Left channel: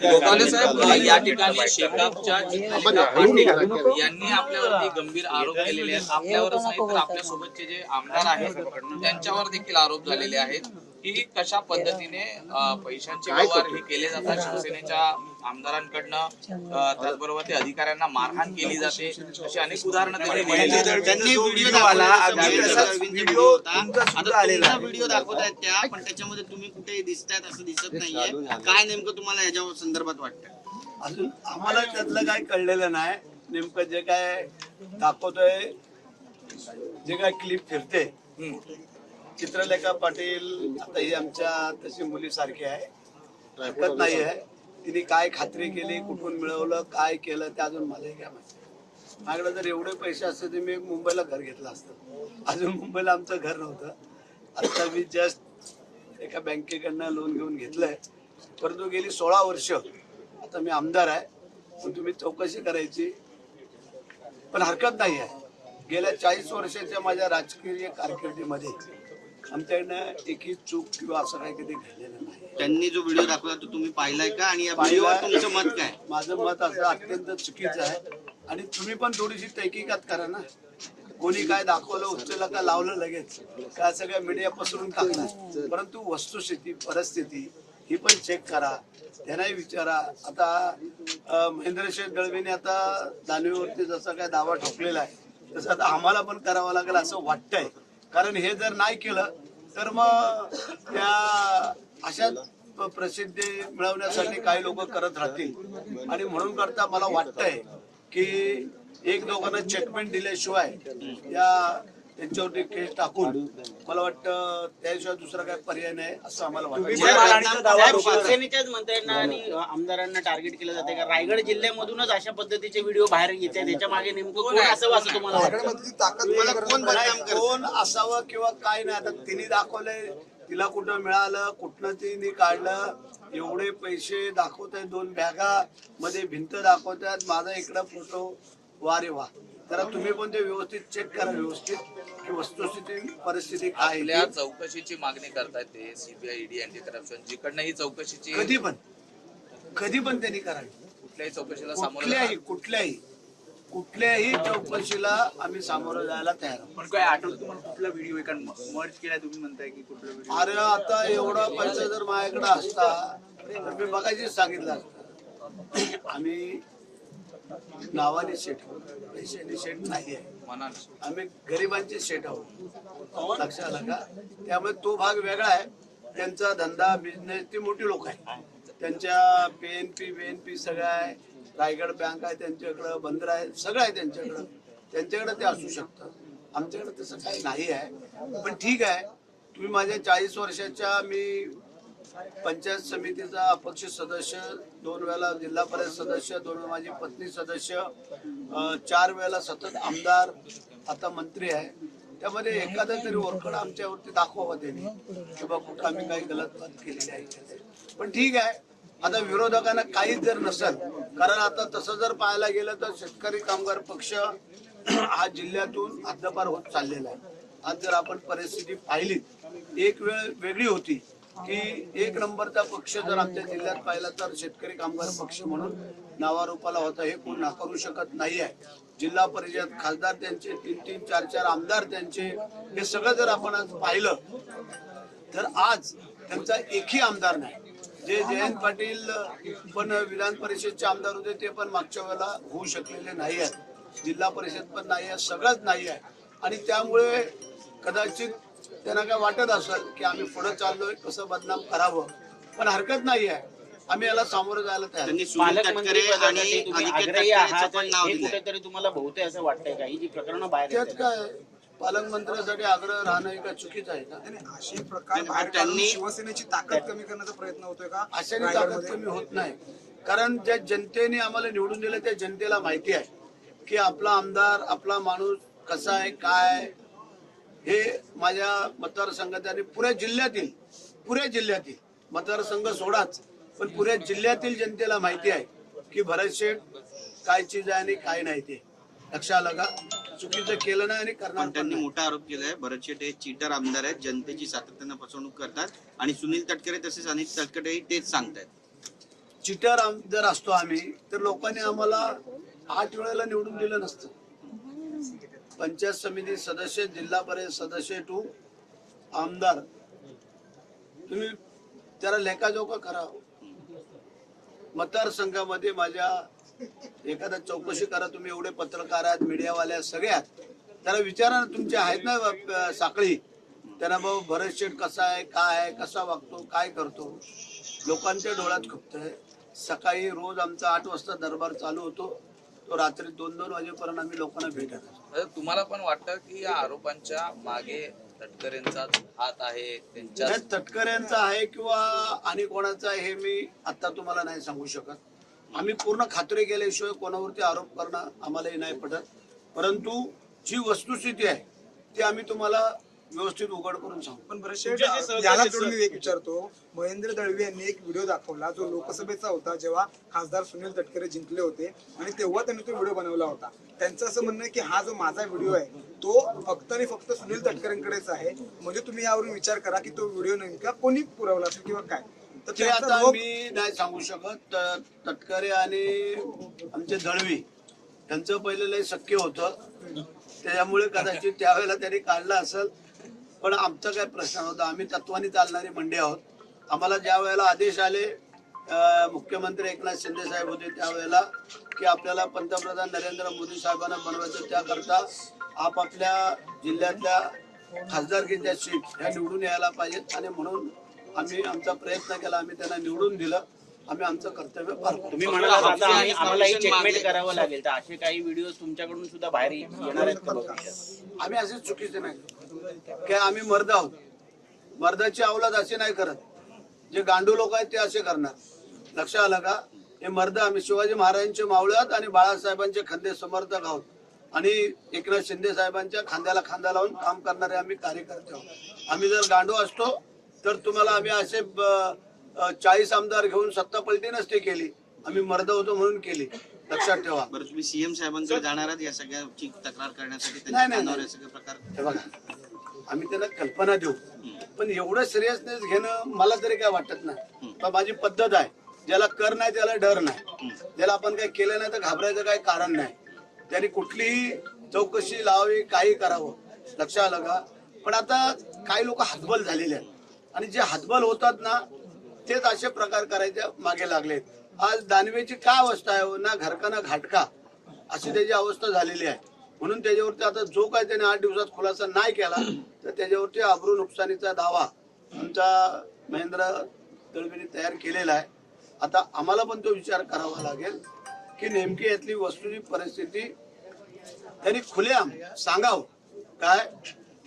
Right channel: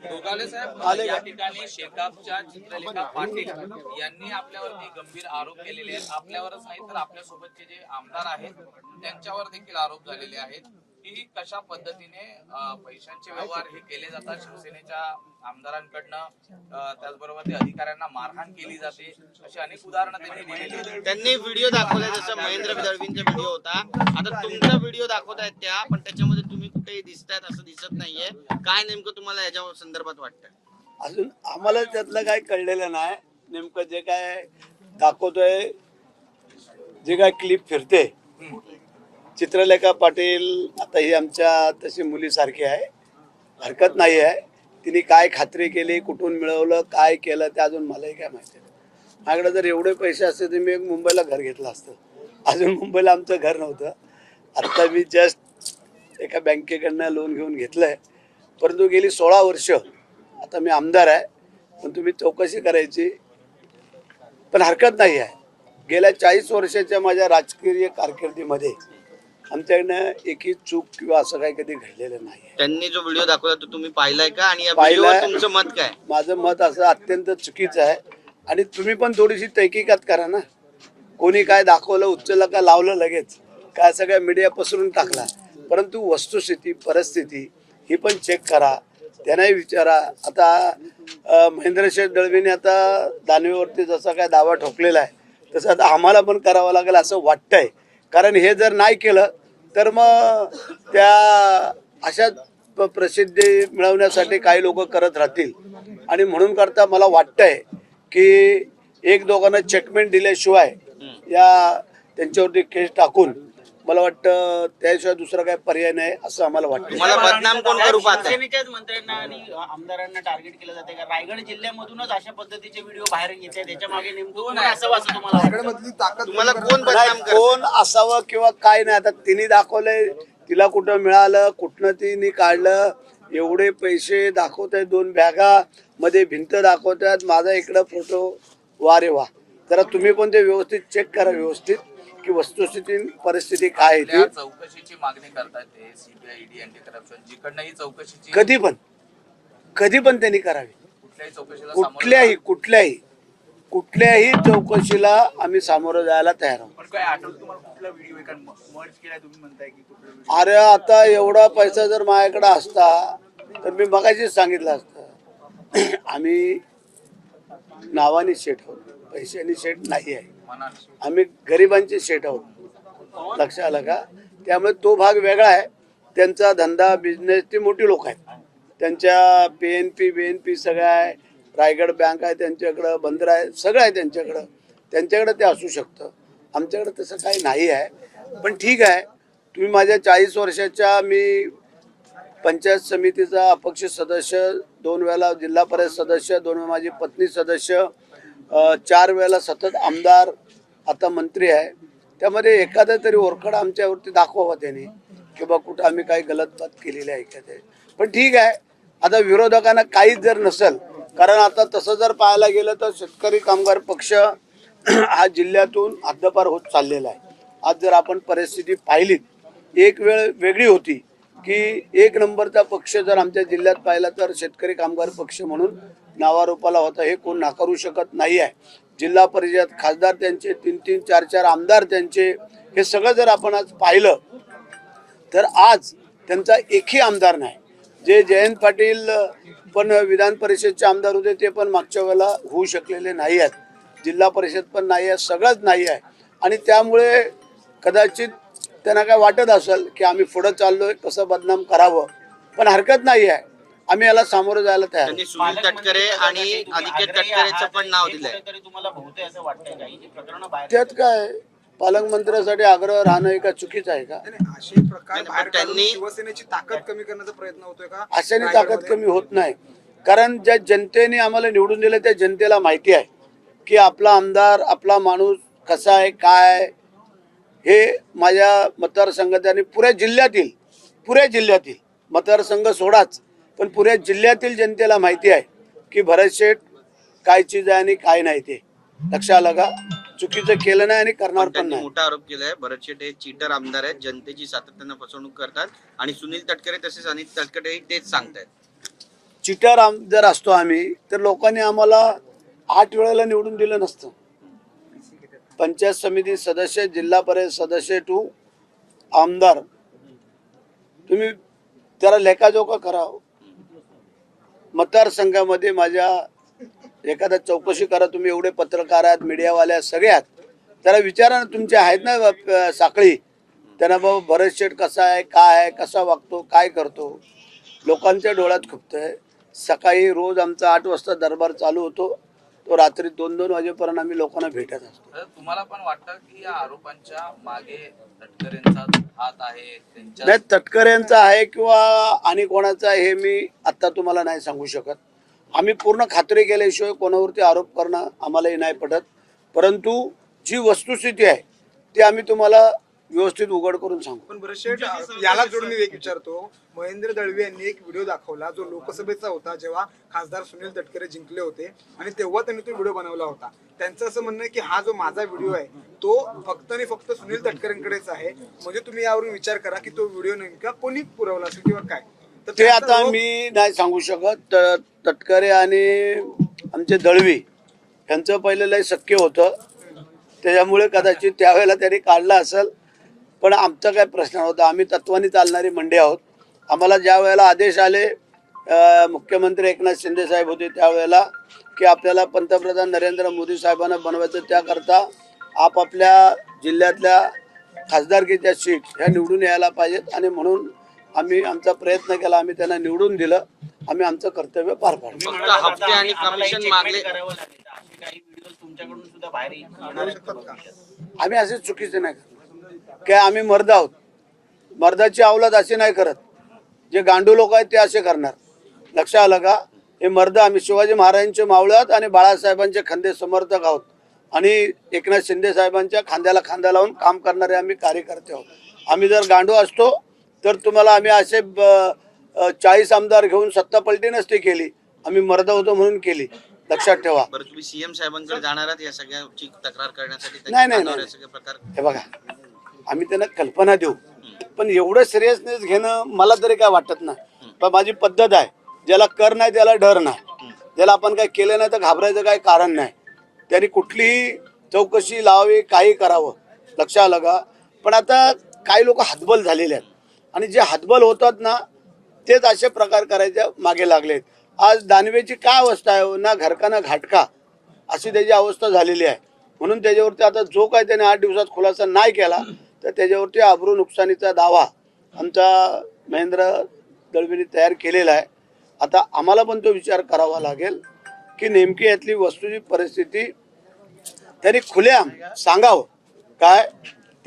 गोगावले साहेब या ठिकाणी शेकापच्या जितेंद्र पाटील यांनी आपल्यावरती गंभीर आरोप केलेले आहेत. आपल्यावरच नाही तर आपल्यासोबतचे जे आमदार आहेत त्यांच्यावर देखील आरोप झालेले आहेत की कशा पद्धतीने पैशांचे व्यवहार हे केले जातात शिवसेनेच्या आमदारांकडनं, त्याचबरोबर ते अधिकाऱ्यांना मारहाण केली जाते, अशी अनेक उदाहरणं त्यांनी व्हिडिओ दाखवला. व्हिडिओ दाखवतायत त्या, पण त्याच्यामध्ये तुम्ही कुठे दिसतायत असं दिसत नाहीये. काय नेमकं तुम्हाला याच्या संदर्भात वाटतं? अजून आम्हाला त्यातलं काही कळलेलं नाही. नेमकं जे काय दाखवतोय, जे काय क्लिप फिरते, चित्रलेखा पाटील आता ही आमच्या तशी मुलीसारखी आहे, हरकत नाही आहे. तिने काय खात्री केली, कुठून मिळवलं, काय केलं ते अजून मलाही काय माहिती नाही. माझ्याकडे जर एवढे पैसे असते तर मी एक मुंबईला घर घेतलं असतं. अजून मुंबईला आमचं घर नव्हतं. आता मी जस्ट एका बँकेकडनं लोन घेऊन घेतलंय, परंतु गेली 16 वर्ष आता मी आमदार आहे. पण तुम्ही चौकशी करायची, पण हरकत नाही आहे. गेल्या 40 वर्षाच्या माझ्या राजकीय कारकिर्दीमध्ये आमच्याकडनं एकही चूक किंवा असं काही कधी घडलेलं नाही. त्यांनी जो व्हिडिओ दाखवला तो तुम्ही पाहिलाय का? आणि पाहिलाय. तुमचं मत काय? माझं मत असं अत्यंत चुकीचं आहे. आणि तुम्ही पण थोडीशी तहकीकात करा ना. कोणी काय दाखवलं, उचललं का लावलं लगेच, काय सगळ्या मीडिया पसरून टाकला. परंतु वस्तुस्थिती, परिस्थिती ही पण चेक करा, त्यांनाही विचारा. आता महेंद्रशेठ दळवीने आता दानवेवरती जसा काय दावा ठोकलेला आहे तसं आता आम्हाला पण करावं लागेल असं वाटतंय. कारण हे जर नाही केलं तर मग त्या अशा प्रसिद्धी मिळवण्यासाठी काही लोक करत राहतील. आणि म्हणून करता मला वाटतंय की एक दोघांना चेकमेंट दिल्याशिवाय या त्यांच्यावरती केस टाकून मला वाटतं त्याशिवाय दुसरा काही पर्याय नाही असं आम्हाला वाटतं. शिवसेनेच्याच मंत्र्यांना आणि आमदारांना टार्गेट केलं जाते का? रायगड जिल्ह्यामधूनच अशा पद्धतीचे व्हिडिओ बाहेर येतात, त्याच्या मागे नेमकं कोण असावं असं तुम्हाला कोण असावं किंवा काय नाही. आता तिने दाखवलंय, तिला कुठं मिळालं, कुठनं तिने काढलं, एवढे पैसे दाखवत आहेत. 2 बॅगा मध्ये भिंत दाखवतात, माझा इकडं फोटो. वा रे वा. जरा तुम्ही पण ते व्यवस्थित चेक करा, व्यवस्थित की वस्तुस्थिती परिस्थिती काय आहे. चौकशीची मागणी करतायत ते सीबीआय, ईडी, अँटी करप्शन, जिकडनं ही चौकशीची कधी पण त्यांनी करावी. कुठल्याही चौकशीला कुठल्याही चौकशीला आम्ही सामोरं जायला तयार आहोत. पण काय आठवतं तुम्हाला कुठला व्हिडिओ एका मर्ज केलाय तुम्ही म्हणताय की कुठला व्हिडिओ? अरे आता एवढा पैसा जर माझ्याकडे असता तर मी मगाशीच सांगितलं असतं. आम्ही नावाने शेठ आहोत, पैशाने शेठ नाही आहे. आम्ही गरिबांचे शेठ आहोत, लक्षात आलं का? त्यामुळे तो भाग वेगळा आहे. त्यांचा धंदा, बिझनेस, ते मोठी लोक आहेत. त्यांच्या PNP सगळं आहे, रायगड बँक आहे त्यांच्याकडं, बंदर आहे, सगळं आहे त्यांच्याकडं ते असू शकतं. आमच्याकडे तसं काही नाही आहे. पण ठीक आहे, तुम्ही माझ्या 40 वर्षाच्या, मी पंचायत समितीचा अपक्ष सदस्य, 2 वेळेला जिल्हा परिषद सदस्य, 2 वेळा माझी पत्नी सदस्य, 4 वेळेला सतत आमदार, आता मंत्री आहे. त्यामध्ये एखादा तरी ओरखड आमच्यावरती दाखवावा त्यांनी की बा कुठं आम्ही काही गलत बात केलेली आहे का ते. पण ठीक आहे, आता विरोधकांना काहीच जर नसेल, कारण आता तसं जर पाहायला गेलं तर शेतकरी कामगार पक्ष हा जिल्ह्यातून हद्दपार होत चाललेला आहे. आज जर आपण परिस्थिती पाहिली, एक वेळ वेगळी होती की 1 नंबरचा पक्ष जर आमच्या जिल्ह्यात पाहिला तर शेतकरी कामगार पक्ष म्हणून नावारूपाला होता. हे कोण नाकारू शकत नाही आहे. जिल्हा परिषद खासदार त्यांचे, 3-3, 4-4 आमदार त्यांचे, हे सगळं जर आपण आज पाहिलं तर आज त्यांचा एकही आमदार नाही. जे जयंत पाटील पण विधान परिषदचे आमदार होते ते पण मागच्या वेळेला होऊ शकलेले नाही आहेत. जिल्हा परिषद पण नाही आहे, सगळंच नाही आहे. आणि त्यामुळे कदाचित त्यांना काय वाटत असेल की आम्ही पुढे चाललोय, कसं बदनाम करावं. पण हरकत नाही आहे, आम्ही याला सामोरं जायला तयार. त्यात काय पालकमंत्र्यासाठी आग्रह राहणं का चुकीचं आहे का? शिवसेनेची ताकद कमी करण्याचा प्रयत्न होतोय का? अशाने ताकद कमी होत नाही. कारण ज्या जनतेने आम्हाला निवडून दिलं त्या जनतेला माहिती आहे की आपला आमदार, आपला माणूस कसा आहे, काय. हे माझ्या मतदारसंघात आणि पुऱ्या जिल्ह्यातील मतदारसंघ सोडाच, पण पुऱ्या जिल्ह्यातील जनतेला माहिती आहे की भरत शेठ काय चीज आहे आणि काय नाही. ते लक्षात आलं का? चुकीचं केलं नाही आणि करणार पण नाही. मोठा आरोप केलाय भरत शेठ हे चीटर आमदार आहेत, जनतेची सातत्यानं फसवणूक करतात आणि सुनील तटकरे तसेच अनिल तटकरे तेच सांगतायत. चिटर जर असतो आम्ही तर लोकांनी आम्हाला 8 वेळेला निवडून दिलं नसतं. पंचायत समिती सदस्य, जिल्हा परिषद सदस्य टू आमदार, तुम्ही त्याला लेखाजोखा करा. मतदारसंघामध्ये माझ्या एखादा चौकशी करा. तुम्ही एवढे पत्रकार आहात, मीडियावाले आहात, सगळे आहात, त्याला विचारा ना. तुमचे आहेत ना साखळी, त्यांना बाबा भरत शेठ कसा आहे, काय आहे, कसा वागतो, काय करतो, लोकांच्या डोळ्यात खुपतंय. सकाळी रोज आमचा 8 वाजता दरबार चालू होतो, तो रात्री 2-2 वाजेपर्यंत आम्ही लोकांना भेटत असतो. तुम्हाला पण वाटतं की या आरोपांच्या मागे तटकरेंचा हात आहे? नाही, तटकरेंचा आहे किंवा आणि कोणाचा आहे हे मी आता तुम्हाला नाही सांगू शकत. आम्ही पूर्ण खात्री केल्याशिवाय कोणावरती आरोप करणं आम्हालाही नाही पडत. परंतु जी वस्तुस्थिती आहे ती आम्ही तुम्हाला व्यवस्थित उघड करून सांगू. पण बरं शेठ, याला जोडून मी एक विचारतो. महेंद्र दळवी यांनी एक व्हिडिओ दाखवला जो लोकसभेचा होता, जेव्हा खासदार सुनील तटकरे जिंकले होते आणि तेव्हा त्यांनी तो व्हिडिओ बनवला होता. त्यांचं असं म्हणणं आहे की हा जो माझा व्हिडिओ आहे तो फक्त आणि फक्त सुनील तटकरेंकडेच आहे. म्हणजे तुम्ही यावरून विचार करा की तो व्हिडिओ नेमका कोणी पुरवला असेल किंवा काय. तर ते आता मी नाही सांगू शकत. तटकरे आणि आमचे दळवी यांचं पहिलं लय शक्य होतं, त्याच्यामुळे कदाचित त्यावेळेला त्यांनी काढला असेल. पण आमचा काय प्रश्न होता, आम्ही तत्वानी चालणारी मंडळी आहोत. आम्हाला ज्या वेळेला आदेश आले, मुख्यमंत्री एकनाथ शिंदे साहेब होते त्यावेळेला, की आपल्याला पंतप्रधान नरेंद्र मोदी साहेबांना बनवायचं, त्याकरता आपापल्या जिल्ह्यातल्या खासदारकीच्या सीट ह्या निवडून यायला पाहिजेत. आणि म्हणून आम्ही आमचा प्रयत्न केला, आम्ही त्यांना निवडून दिलं, आम्ही आमचं कर्तव्य पार पाडलं. तुम्ही म्हणालात आता आम्हाला एक चेकमेट करावं लागेल, तर असे काही व्हिडिओ तुमच्याकडून सुद्धा बाहेर येणार आहेत का भविष्यात? आम्ही असे चुकीचे नाही करत की आम्ही मर्द आहोत. मर्दाची अवलाद असे नाही करत. जे गांडू लोक आहेत ते असे करणार. लक्षात आलं का? हे मर्द आम्ही शिवाजी महाराजांचे मावळे आहोत आणि बाळासाहेबांचे खंदे समर्थक आहोत आणि एकनाथ शिंदे साहेबांच्या खांद्याला खांदा लावून काम करणारे आम्ही कार्यकर्ते आहोत. आम्ही जर गांडू असतो तर तुम्हाला आम्ही असे 40 आमदार घेऊन सत्ता पलटी नसती केली. आम्ही मर्द होतो म्हणून केली. लक्षात ठेवा. बरं, तुम्ही सीएम साहेबांकडे जाणार आहात या सगळ्याची तक्रार करण्यासाठी? नाही. हे बघा, आम्ही त्यांना कल्पना देऊ, पण एवढं सिरियसनेस घेणं मला तरी काय वाटत नाही. पण माझी पद्धत आहे, ज्याला कर नाही त्याला डर नाही. ज्याला आपण काय केलं नाही तर घाबरायचं काही कारण नाही. त्यांनी कुठलीही चौकशी लावावी, काही करावं. लक्षात आलं का? पण आता काही लोक हतबल झालेले आहेत आणि जे हतबल होतात ना तेच असे प्रकार करायच्या मागे लागलेत. आज दानवेची काय अवस्था आहे, ना घरका ना घाटका अशी त्याची अवस्था झालेली आहे. म्हणून त्याच्यावरती आता जो काही त्याने 8 दिवसात खुलासा नाही केला तर त्याच्यावरती अब्रू नुकसानीचा दावा आमचा महेंद्र दळवीने तयार केलेला आहे. आता आम्हाला पण तो विचार करावा लागेल की नेमकी यातली वस्तूची परिस्थिती त्यांनी खुलेआम सांगावं. काय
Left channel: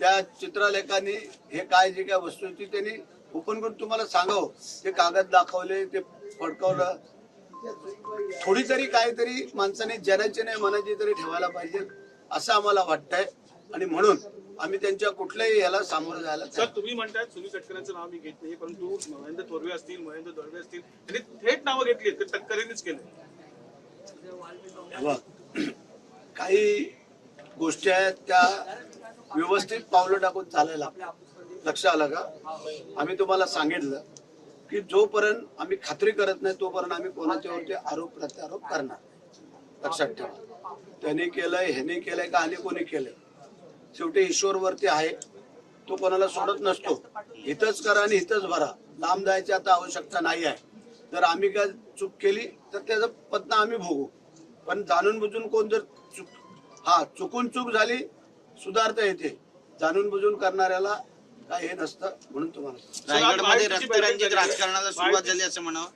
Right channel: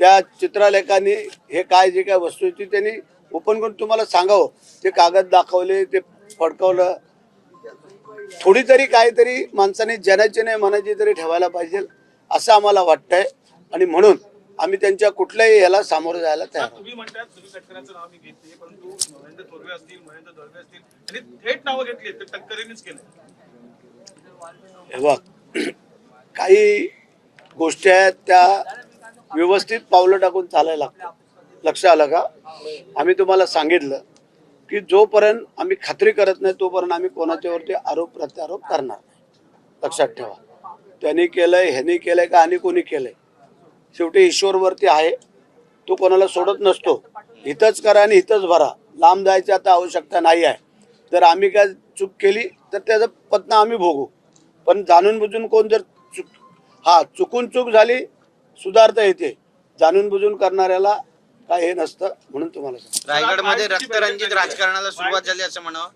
त्या चित्रलेखांनी हे काय जे काय वस्तूची त्यांनी ओपन करून तुम्हाला सांगावं. ते कागद दाखवले, ते फडकवलं. थोडी तरी काहीतरी माणसाने जनाची नाही मनाची तरी ठेवायला पाहिजे असं आम्हाला वाटतंय. आणि म्हणून आम्ही त्यांच्या कुठल्याही याला सामोरं जायला तयार. तुम्ही म्हणताय सुनील तटकरेंचं नाव मी घेत नाही, परंतु महेंद्र थोरवे असतील, महेंद्र दळवे असतील, त्यांनी थेट नावं घेतली, ते तटकरेंनीच केलं. हे बघ, काही गोष्टी आहेत त्या व्यवस्थित पावलं टाकून चालायला लागतात. लक्षात आलं का? आम्ही तुम्हाला सांगितलं की जोपर्यंत आम्ही खात्री करत नाही तोपर्यंत आम्ही कोणाच्यावरती आरोप प्रत्यारोप करणार नाही. लक्षात ठेवा. त्यांनी केलंय, ह्यांनी केलंय का आणि कोणी केलंय, शेवटी ईश्वरवरती आहे. तो कोणाला सोडत नसतो. इथंच करा आणि इथंच भरा. लांब जायची आता आवश्यकता नाही आहे. जर आम्ही काय चूक केली तर त्याचं पत्ता आम्ही भोगू. पण जाणून बुजून कोण जर चुकून चूक झाली सुधारता येते. जाणून बुजून करणाऱ्याला काय हे नसतं. म्हणून तुम्हाला रायगडमध्ये रक्तरंजित राजकारणाला सुरुवात झाली असं म्हणावं.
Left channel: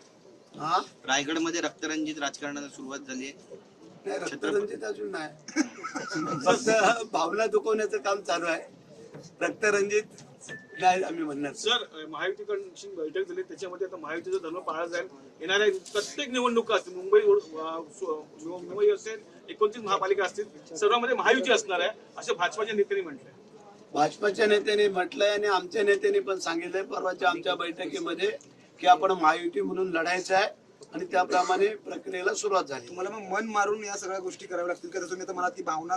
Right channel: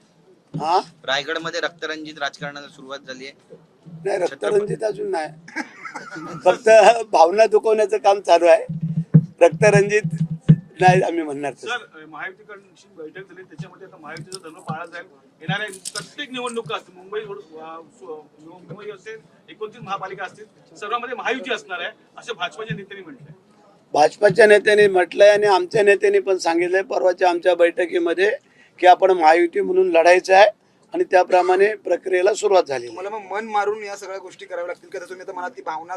हा, रायगडमध्ये रक्तरंजित राजकारणाला सुरुवात झाली आहे. नाही, रक्तरंजित अजून नाही. फक्त भावना दुखवण्याचं काम चालू आहे. रक्तरंजित नाही आम्ही म्हणणार. सर, महायुतीकडून बैठक झाली, त्याच्यामध्ये आता महायुतीचं धर्म पाळलं जाईल. येणाऱ्या प्रत्येक निवडणुका असतील, मुंबई असेल, 29 महापालिका असतील, सर्वांमध्ये महायुती असणार आहे असं भाजपाच्या नेत्यांनी म्हटलंय. भाजपाच्या नेत्यांनी म्हटलंय आणि आमच्या नेत्यांनी पण सांगितलंय परवाच्या आमच्या बैठकीमध्ये की आपण महायुती म्हणून लढायचं आहे आणि त्याप्रमाणे प्रक्रियेला सुरुवात झाली. मला मग मन मारून या सगळ्या गोष्टी कराव्या लागतील का? तुम्ही आता मला ती भावना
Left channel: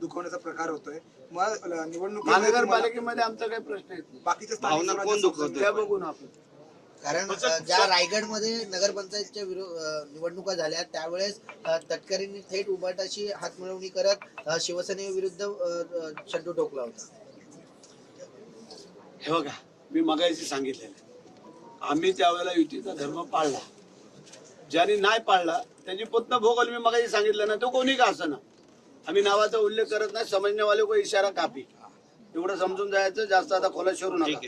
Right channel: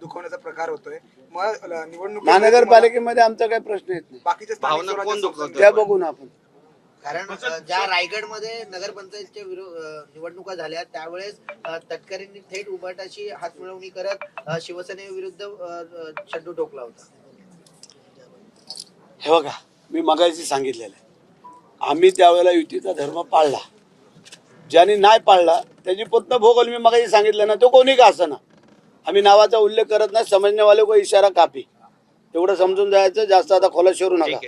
दुखवण्याचा प्रकार होतोय. मग निवडणूक महानगरपालिकेमध्ये आमचा काही प्रश्न येत नाही. बाकीच्या भावना कोण दुखवतोय? त्या बघू ना आपण. कारण ज्या रायगडमध्ये नगरपंचायतच्या निवडणुका झाल्या त्यावेळेस तटकरेंनी थेट उभाटाची हातमिळवणी करत शिवसेनेविरुद्ध शड्डू ठोकला होता. हे बघा, मी मगाशी सांगितलेलं आहे, आम्ही त्यावेळेला युतीचा धर्म पाळला. ज्यांनी नाही पाळला त्याची पोत भोगल. मी मगाशी सांगितलं ना, तो कोणी का असं ना, आम्ही नावाचा उल्लेख करत नाही. समजण्यावाले को इशारा काफी, एवढं समजून जायचं. जास्त आता खोला शिरू नका.